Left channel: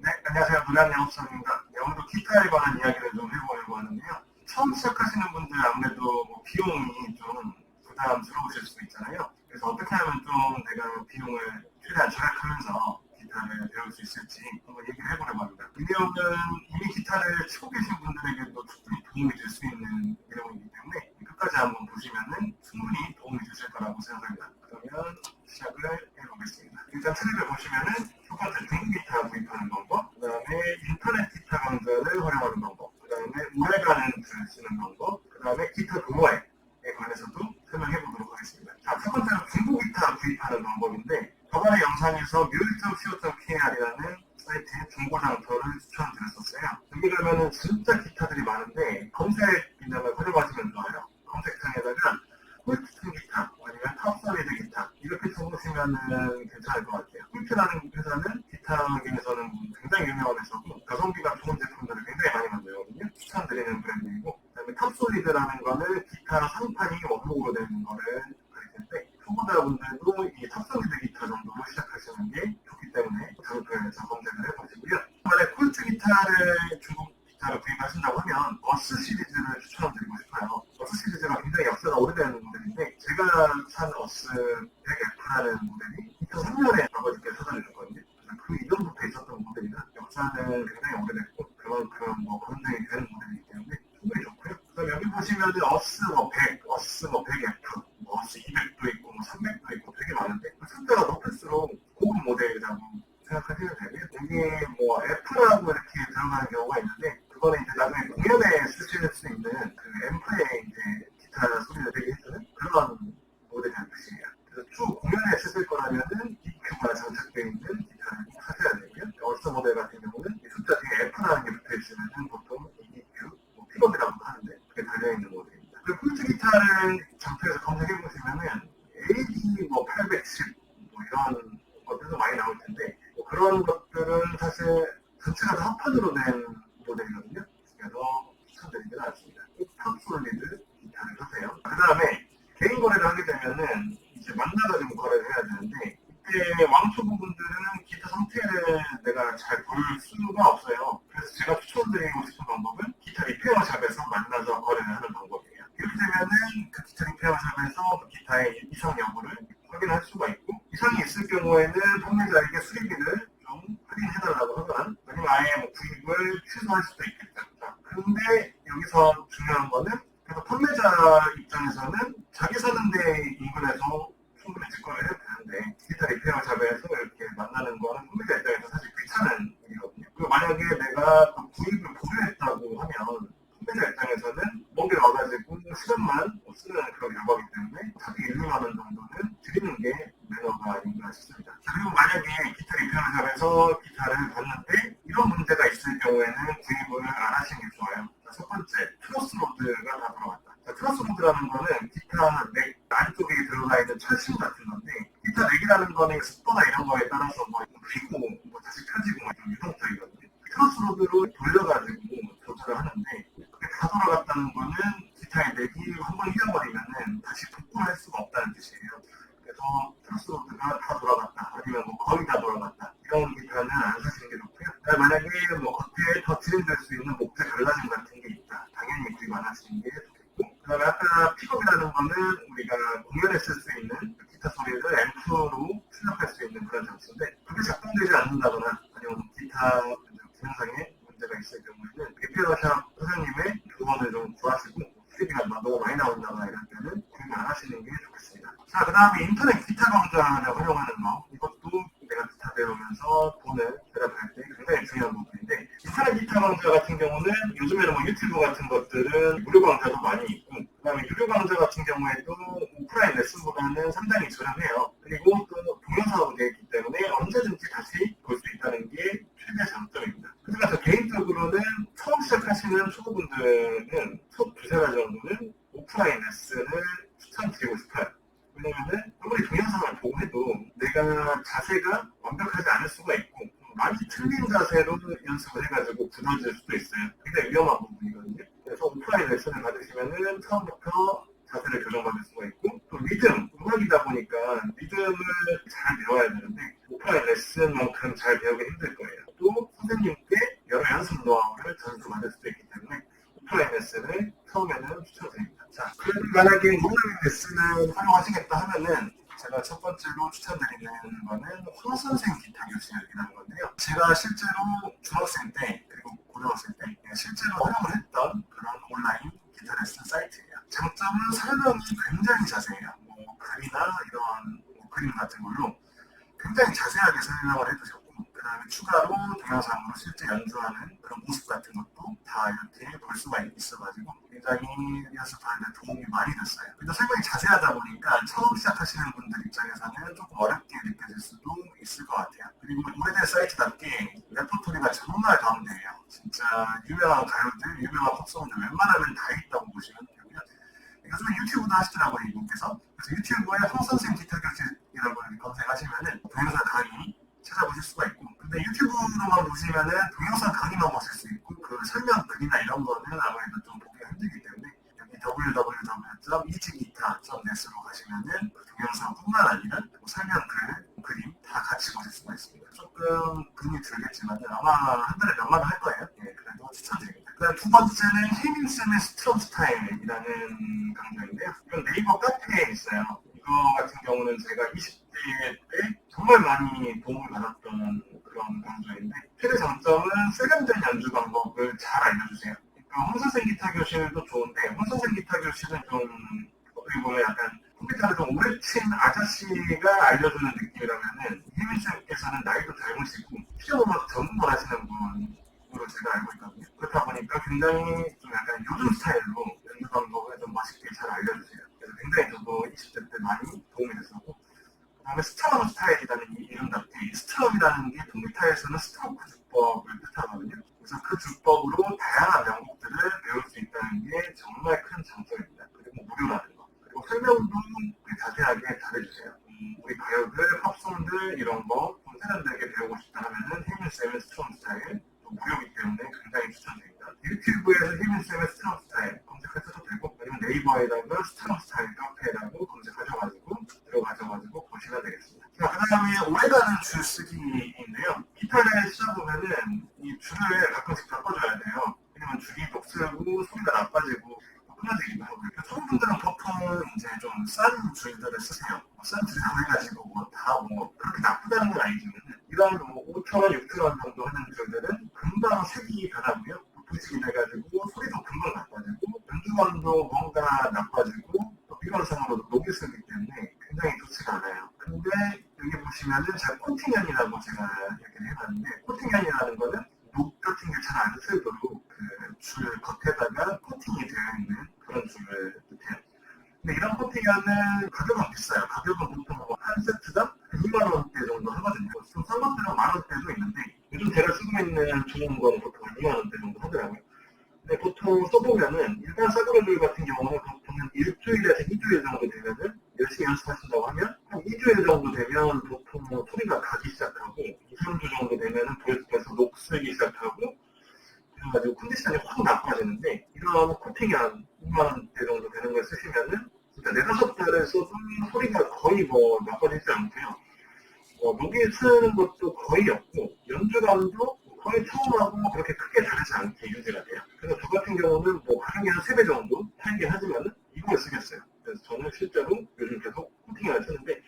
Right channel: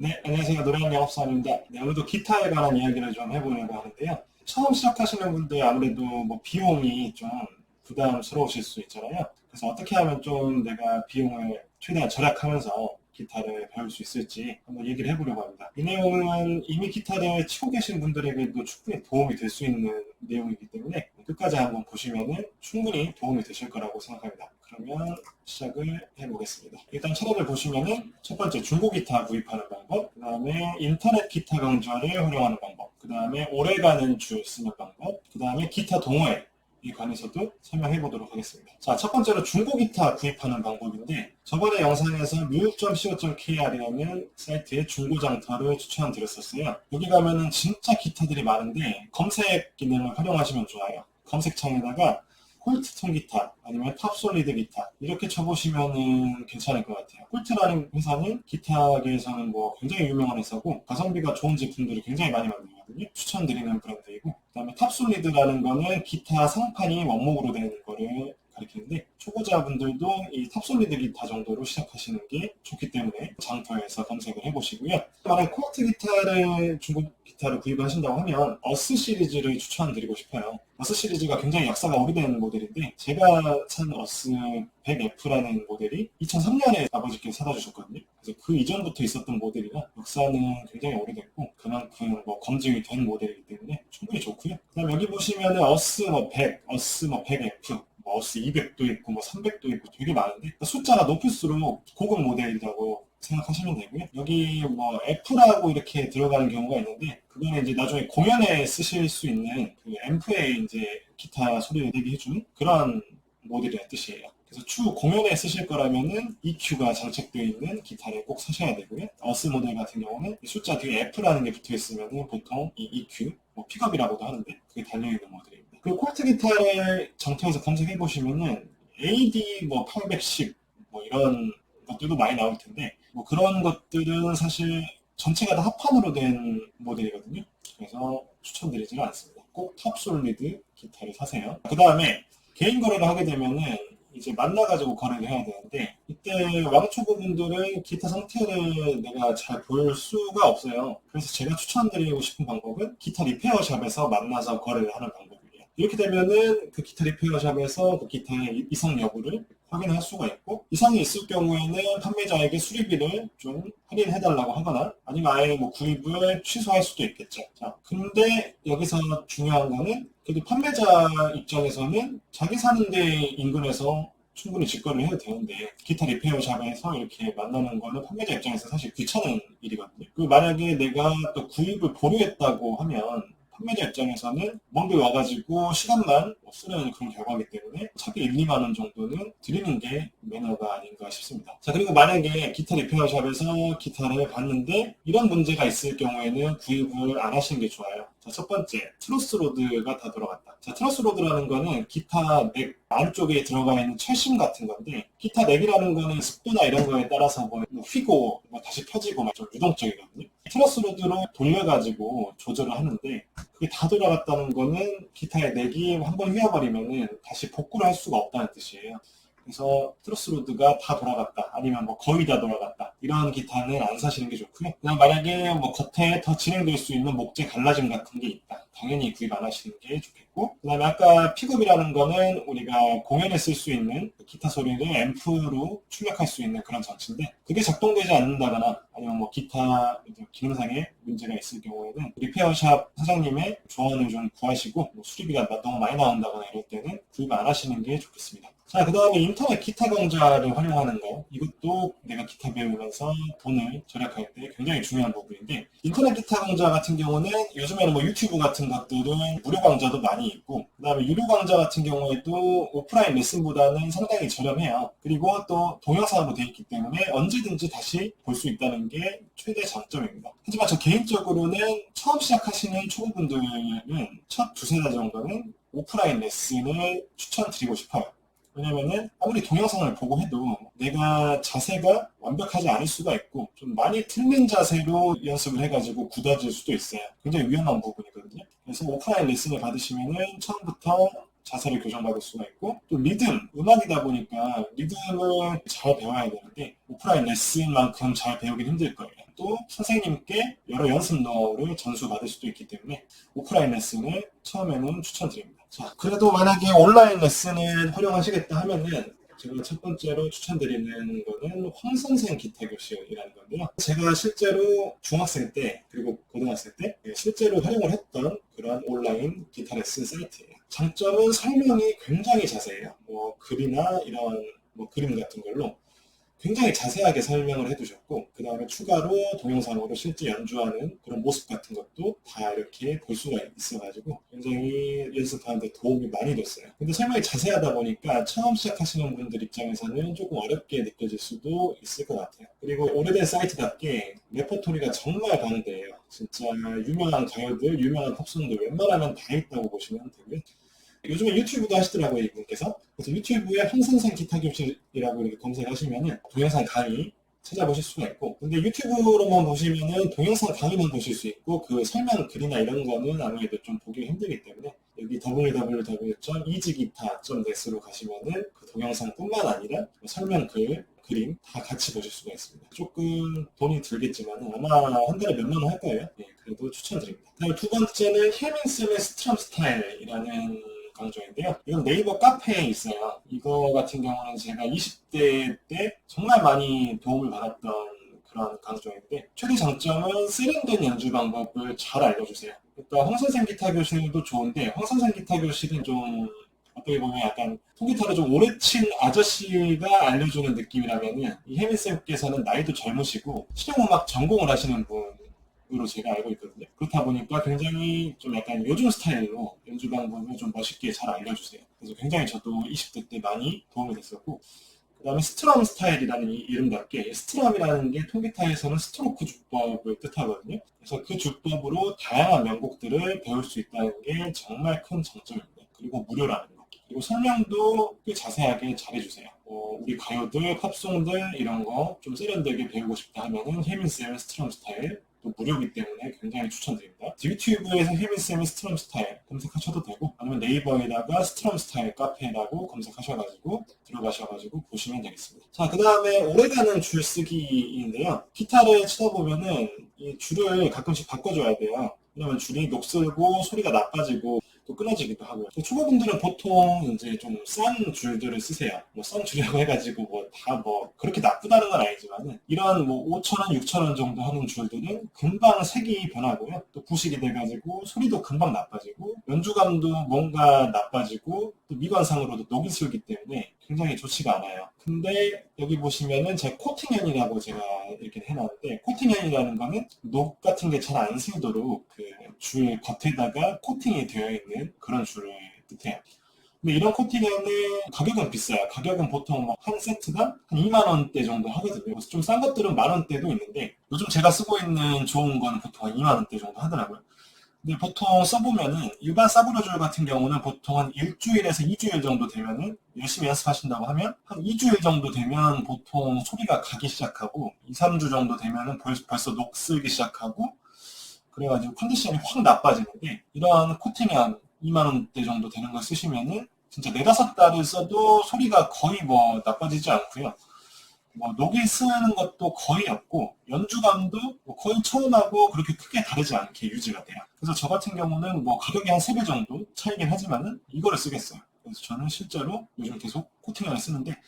네, 안녕하세요. 노래하는 영업사원입니다. 네, 오늘도 기타에 관한 이야기를 좀 해보려고 하는데요. 처음 시작하시는 분들 아무래도 뭐 비용이 좀 부담스러우실 수 있잖아요. 그래서 어떻게 하면 좀 내가 비용을 최대한 절약하면서 기타를 배울 수 있을지 한번 얘기를 해보려고 합니다. 이 내용은 이미 기타를 치고 계신 분들에게도 충분히 도움이 될 수 있는 내용이기 때문에 끝까지 한번 보시면은 충분히 도움이 되실 거라고 생각합니다. 그러면 시작을 해보겠습니다. 일단 차례를 보시면은 첫 번째 중고 기타 구입하는 방법, 그 다음에 인터넷 기타 강좌를 활용하는 방법, 그 다음에 오래가는 줄 쓰는 방법, 그 다음에 기타 동호회 에 관해서도 설명해 보도록 하겠습니다. 자, 첫 번째로 중고 기타 구입하는 방법인데 저번에 영상에서 mule.co.kr이라는 사이트의 중고 장터를 추천드렸었어요. 여기 가면은 진짜 기타들이 많은데 검색 기능을 활용하시면 좋아요. 검색창에다가 콜트톤 기타 아니면 탑솔리드 기타 이렇게 쳐보시면은 괜찮을 것 같아요. 콜트라는 회사는 기타계에서는 뭐 굉장히 유명한 회사고 가성비가 좋은 제품들을 굉장히 많이 만들거든요. 추천드리는 브랜드이고, 그 다음에 탑솔리드라는 거는 기타 상판이 원목으로 되는 거를 가리키는데 초보자분들도 이 탑솔리드 기타 정도로 시작하시는 게 좋기 때문에 장터에서 검색을 해보시고요. 만약에 콜트 기타를 중국 기타를 구입을 하신다고 하면 어스 시리즈를 추천드리고 싶어요. 어스 시리즈가 굉장히 역사가 오래된 모델인데 제가 산 어스 100F라는 모델이 2003년에 아버지께서 사다 주셨거든요. 그래서 그 이전부터 있었던 모델이라 역사는 굉장히 오래됐고 그만큼 뭐 검증이 된 모델이기 때문에 충분히 좋고요. 그 다음 여기 보시면은 어스 뭐 100, 어스 뭐 100F, 뭐 어스 200도 있고 뭐 300도 있고 되게 많은데 숫자가 높을수록 고급 모델이라고 생각하시면 되고요. 여기 뭐 F라고 이렇게 들어가는 경우가 있는데 그거는 이제 나중에 공연에 쓰실 수 있는 그 앰프에 이제 기타 소리를 내게 해주는 그런 모델이라는 뜻이에요. 그래서 추후 공연에 쓰실 거라면은 EQ가 장착되어 있는 기타를 꼭 사셔야 되고요. 어스 모델 같은 경우는 이 숫자 뒤에 F라는 게 붙어 있으면은 보통 이 EQ, 뭐 픽업이라고도 하는데 그게 달려있는 모델입니다. 그리고 콜트 기타를 장터에서 검색해 보시면은 AD 뭐 810 뭐 이런 것들도 많이 나올 텐데 뭐 그런 것들은 사실 전체가 다 합판으로 된 모델이거든요. 그래서 추천드리지는 않습니다. 꼭 탑솔리드 기타를 사세요. 그 다음에 개인 거래를 하게 되면은 이제 만나가지고 거래를 해야 되는데 이때 왕초보분들은 기타 상태를 내가 잘 볼 수가 없어요. 그래서 제가 추천드리고 싶은 방법은 기타 리페어샵에서 만나서 거래를 하는 방법이에요. 이렇게 되면은 그 기타 리페어샵에서 그 기타의 이상 여부를 확인할 수가 있고 이상이 있을 경우에는 판매자에게 수리비를 좀 할인해달라고 하거나 아니면 아예 뭐 구입을 취소할 수도 있겠죠. 자, 근데 여기서 중요한 거는 그래도 판매자 입장에서는 자기 사는 데 인근에서 충분히 직거래를 해도 되는데 기타 리페어샵에서 이렇게 만나는 거는 판매자 입장에서 사실 귀찮은 일이거든요. 그리고 만약에 내가 또 구입을 보류했다고 하면 판매자 입장에서는 먼 길 와가지고 시간만 쓰는 그런 결과이기 때문에 차비 1, 2만 원 정도는 드리는 게 매너가 아닌가 싶습니다. 자, 그리고 만약에 기타 리페어샵에서 기타를 봤는데 이런 문제가 있을 경우에는 구입을 안 하시는 게 좋아요. 자, 첫 번째, 트러스 로드가 다 돌아갔다. 자, 트러스 로드라는 거는 기타 넥 안쪽에 들어가 있는 철심 같은 건데 기타 넥이라는 거는 습도나 이런 거에 따라서 뭐 휘고 뭐 다시 펴지고 막 좀 유동적이거든요. 트러스 로드로 돌려가지고 조절을 하는데 그게 다 돌아갔다는 거는 기타의 넥이 한번 휘어버리면은 다시 복구를 할 수가 없다는 뜻이에요. 그래서 트러스로드가 다 돌아갔다, 아니면 뭐 거의 다 돌아갔다, 이런 기타는 안 사시는 게 좋고요. 그다음에 만약에 뭐 겉에 더 진행될 수 있는 목재 갈라짐 같은 게 있다, 당연히 구입 안 하시는 게 좋겠고, 그 다음에 아까 픽업이라는 거는 우리가 공연에 쓸 수 있는 기타 소리를 앰프로 출력할 수 있는 그런 장치인데, 그게 작동되지 않는다거나 아니면 뭐 기타 기능상의 문제가 있을 경우에는 리페어샵 사장님의 조언을 좀 구하시고, 뭐 수리비가 너무 많이 나온다거나 이럴 때는 구입 안 하시는 게 좋겠습니다. 자, 그 다음에 인터넷 기타 강좌를 활용하는 거, 이것도 내가 기타 배우면서 돈을 절약할 때 굉장히 중요한 부분인데, 인터넷 기타 강좌 같은 경우는 요즘에는 뭐 유튜브 같은 것들은 무료 강좌도 많이 있고, 그 다음에 유료 강좌 같은 경우에도 오프라인 레슨보다는 상당히 저렴해요. 그리고 또 동영상으로 되어 있기 때문에 언제든지 다시 볼 수 있다는 게 최대 장점입니다. 하지만 저 개인적으로는 처음 시작하시는 초보분들은 첫 두세 달 정도는 오프라인 레슨을 추천드리고 싶어요. 왜냐면은 아무리 동영상을 보고 해도 내가 자세가 완벽하지 않을 수가 있고, 좀 많이 틀린 자세로 연습을 해가지고 굳어질 수도 있어요. 굉장히 위험한 부분이거든요. 그래서 오프라인 레슨을 받으시면은 처음부터 자세를 교정받을 수가 있고, 또 리듬, 음악이다 보니까 리듬을 잘 배워야 되는데 오프라인 레슨만큼 잘 배우긴 힘들 거예요. 또 선생님께 여러 연습 노하우를 전수받을 수도 있기 때문에 오프라인 레슨을 처음에는 추천드립니다. 자, 그래도 만약에 온라인 레슨을 활용하시겠다 하면은 제가 첫 번째로 추천드리는 거는 황선생 기타 교실이라는 건데요. 제가 실제로 중학생 때 그리고 고등학생 때 실제로 활용을 했던 그런 온라인 기타 레슨 사이트예요. 장점은 설명이 굉장히 자세해요. 뭐 글이나 이런 뭐 그림 같은 걸로 굉장히 자세하게 설명을 해두셨고, 그 다음에 추가로 동영상으로 실제 연주하는 그런 모습 같은 것도 다 이렇게 볼 수가 있어가지고 굉장히 연습하는데 도움이 많이 됐어요. 근데 설명이 자세하다 보니까 처음 시작하시는 분들 입장에서는 조금 어렵게 느껴질 수도 있을 것 같아요. 그리고 오래된 사이트답게 레퍼토리가 정말 방대해요. 진짜 유명한 가요들, 유명한 팝송들 웬만하면 다 있다고 보시면 되고요. 요즘에 유튜브도 하시더라고요, 이분께서. 그래서 유튜브에 황선생 기타 교실이라고 이렇게 검색하시면은 동영상 강의 찾아보실 수가 있고, 근데 유튜브로만 보시면은 동영상 강의만 보실 수 있고, 그 설명 글이나 이런 거는 아무래도 좀 보기가 힘들기 때문에 여기 www.easyguitar.net으로 가시면은 그 동영상뿐만 아니라 뭐 설명 글, 그림 다 같이 보실 수가 있습니다. 조금 돈이 들겠지만은 아마 한 달에 몇만 원 할 거예요. 예, 그래도 추천드립니다. 그다음에 두 번째는 혜민쌤의 스트럼 스타일이라는 강좌인데요. 이건 네이버 카페에 있어요. 이거 같은 경우는 제가 20대 때 정말 많이 도움을 받았던 그런 강좌인데, 최대 장점은 세련된 연주 방법을 잘 알려주세요. 그러니까 황선생 기타 교실도 좋은데, 황선생 기타 교실은 좀 어떻게 보면 약간 통기타를 좀 오래 친 아저씨가 알려주는 느낌이라면은, 이 혜민쌤께서는 나이도 젊으시고 실용음악 전공을 하시는 분으로 제가 알고 있거든요. 그렇다 보니까 굉장히 좀 약간 요즘 스타일로 연주 방법을 좀 멋있게 잘 알려주세요. 그래서 굉장히 저도 20대 때 많이 도움이 됐었고, 그 다음에 스트럼 스타일이라는 이 이름답게, 스트럼이라는 게 통기타에서는 스트로크 주법을 뜻하거든요. 그래서 그 주법으로 다양한 명곡들을 배울 수 있다는 게 정말 큰 장점입니다. 그리고 무료라는 거. 그리고 설명도 꽤 자세하게 잘해주세요. 우리 가요들, 팝송들 이런 거 좀 세련되게 배우고 싶다 하면은 혜민쌤의 스트럼 스타일, 또 무료이기 때문에 굉장히 추천드립니다. 유튜브에서 혜민쌤의 스트럼 스타일 검색하셔도 되고, 아니면 네이버에다가 스트럼 스타일 카페라고 검색하셔가지고 들어가셔가지고 보시면 되겠습니다. 자, 그 다음에 오래가는 줄 쓰기인데요. 기타를 치다 보면은 이 줄을 가끔씩 바꿔줘야 돼요. 왜냐면 줄이 녹슬고 소리가 나빠지고 또 끊어지기도 하고요. 초보분들은 보통 이제 좀 싼 줄들을 쓰세요. 뭐 싼 줄이라고 해가지고 뭐 다 뭐 그렇게 나쁘다는 건 아니지만은, 이런 뭐 5,000원, 6,000원 정도 하는 줄들은 금방 색이 변하고요. 또 부식이 돼가지고 소리도 금방 나빠지고 연주감도 뭔가 나빠지고 또 미관상으로도 녹이 슬기 때문에 굉장히 좋지가 않아요. 근데 여기 보시면은 제가 코팅현이라고 제가 이렇게 해놨는데, 코팅현이라는 거는 녹 같은 게 잘 안 슬도록 그 줄 겉에다가 코팅이 되어 있는 그런 줄을 뜻해요. 근데 이런 코팅현은 가격은 비싸요. 가격은 보통 뭐 한 세트당 한 2만 원대 정도 하거든요. 좀 싼 것들은 만 원대도 있는데, 요즘 제가 쓰고 있는 좋은 거는 보통 한 2만 원대 정도 하더라고요. 근데 보통 써보면은 일반 싸구려 줄 같은 경우는 보통 한 일주일에서 2주일 정도 되면은, 열심히 연습하신다고 하면 한 2주일 정도 되면 보통 소리가 가기 시작하고, 2, 3주 정도 되면은 벌써 녹슬기 시작하고, 그래가지고 컨디션이 확 나빠지는데, 이런 코팅한 2만 원대 정도 되는 걸 쓰시면은 진짜 4-5달을 써도 소리가 거의 뭐 나빠지지 않고요. 뭐 녹이 쓰는 것도 거의 없고 연주감도 뭐 거의 처음하고 그렇게 크게 다르지 않게 유지가 돼요. 그래서 저 같은 경우는 뭐 가격이 한 3배 정도 차이긴 하지만은 이거를 쓰겠어요. 그래서 저는 실제로 요즘 계속 코팅형을 쓰는데,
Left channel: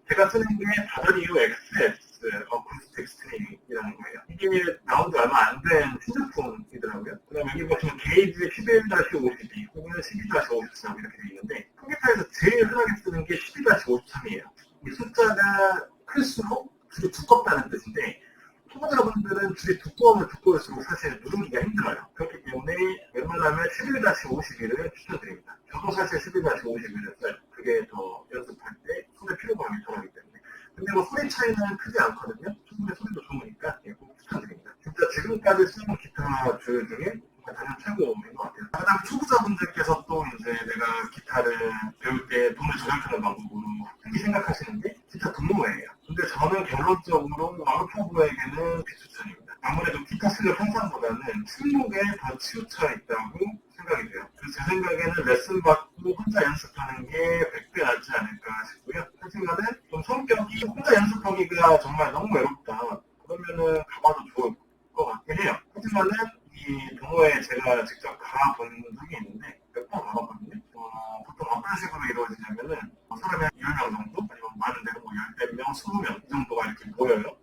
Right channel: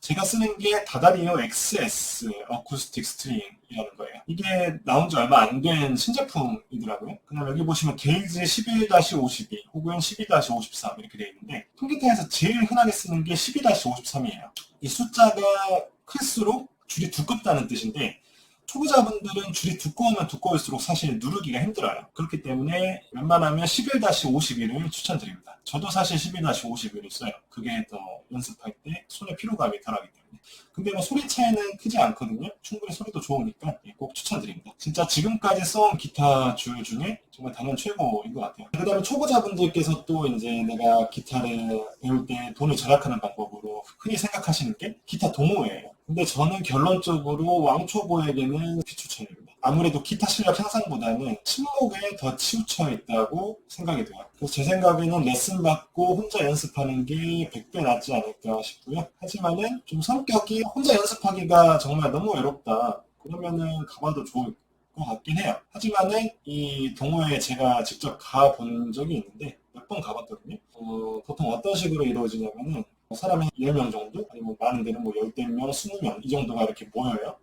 제가 쓰는 게 다다리오 XS 어쿠스틱 스트링이라는 거예요. 이게 나온 지 얼마 안 된 신제품이더라고요. 그 다음에 여기 보시면 게이지 11-52 혹은 12-53 이렇게 되어 있는데, 통기타에서 제일 흔하게 쓰는 게 12-53이에요. 이 숫자가 클수록 줄이 두껍다는 뜻인데, 초보자분들은 줄이 두꺼우면 두꺼울수록 사실 누르기가 힘들어요. 그렇기 때문에 웬만하면 11-51을 추천드립니다. 저도 사실 11-51을 써요. 그게 더 연습할 때 손의 피로감이 덜하기 때문에. 근데 뭐 소리 차이는 크지 않거든요. 충분히 소리도 좋으니까 꼭 추천드립니다. 진짜 지금까지 써온 기타 줄 중에 정말 단연 최고인 것 같아요. 그 다음에 초보자분들께서 또 이제 내가 기타를 배울 때 돈을 절약하는 방법으로 흔히 생각하시는 게 기타 동호회예요. 근데 저는 결론적으로 왕초보에게는 비추천입니다. 아무래도 기타 실력 향상보다는 침목에 더 치우쳐 있다고 생각이 돼요. 그래서 제 생각에는 레슨 받고 혼자 연습하는 게 100배 낫지 않을까 싶고요. 하지만은 좀 성격이 혼자 연습하기가 정말 너무 외롭다, 그러면은 가봐도 좋을 것 같긴 해요. 하지만은 이 동호회에 제가 직접 가본 적이 있는데 몇 번 가봤거든요. 보통 어떤 식으로 이루어지냐면은 사람이 한 10명 정도, 아니면 많은 데는 뭐 10명, 20명 이 정도가 이렇게 모여요.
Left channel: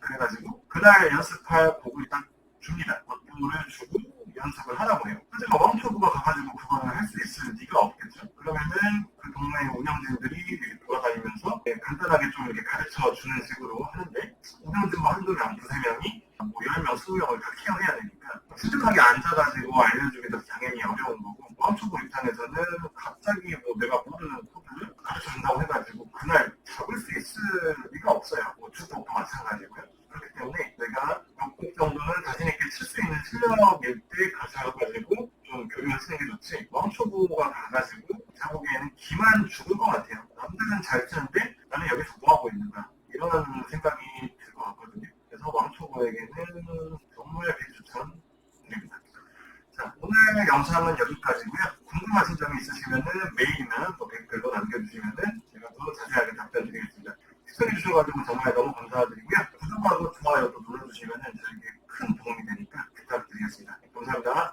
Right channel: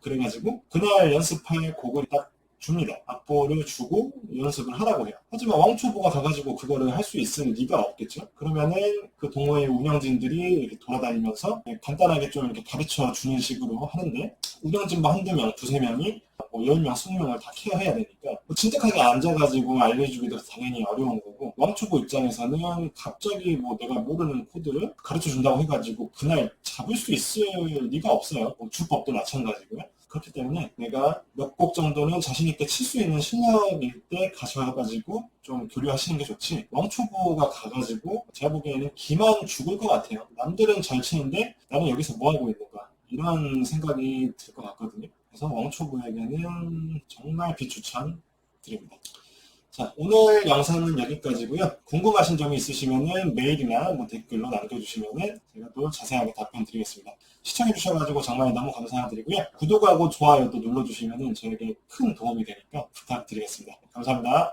그래가지고 그날 연습할 곡을 딱 줍니다. 악보를 주고 연습을 하라고 해요. 하지만 왕초보가 가가지고 그거를 할 수 있을 리가 없겠죠. 그러면은 그 동호회 운영진들이 이렇게 돌아다니면서 간단하게 좀 이렇게 가르쳐 주는 식으로 하는데, 운영진 뭐 한두 명, 두세 명이 뭐 10명, 20명을 다 케어해야 되니까 뭐 진득하게 앉아가지고 알려주기도 당연히 어려운 거고, 왕초보 입장에서는 갑자기 뭐 내가 모르는 코드를 가르쳐 준다고 해가지고 그날 잡을 수 있을 리가 없어요. 뭐 주법도 마찬가지고요. 그렇기 때문에 내가 몇 곡 정도는 자신 있게 칠 수 있는 실력일 때 가셔가지고 좀 교류하시는 게 좋지, 왕초보가 가가지고 제가 보기에는 기만 죽을 것 같아요. 남들은 잘 치는데 나는 여기서 뭐 하고 있는가, 이런 생각이 들 것 같거든요. 그래서 왕초보에게는 정말 비추천 드립니다. 자, 오늘 영상은 여기까지고요. 궁금하신 점이 있으시면은 메일이나 뭐 댓글로 남겨주시면은 제가 또 자세하게 답변 드리겠습니다. 시청해주셔가지고 정말 너무 감사드리고요. 구독하고 좋아요도 눌러주시면은 저에게 큰 도움이 되니까 부탁드리겠습니다. 감사합니다.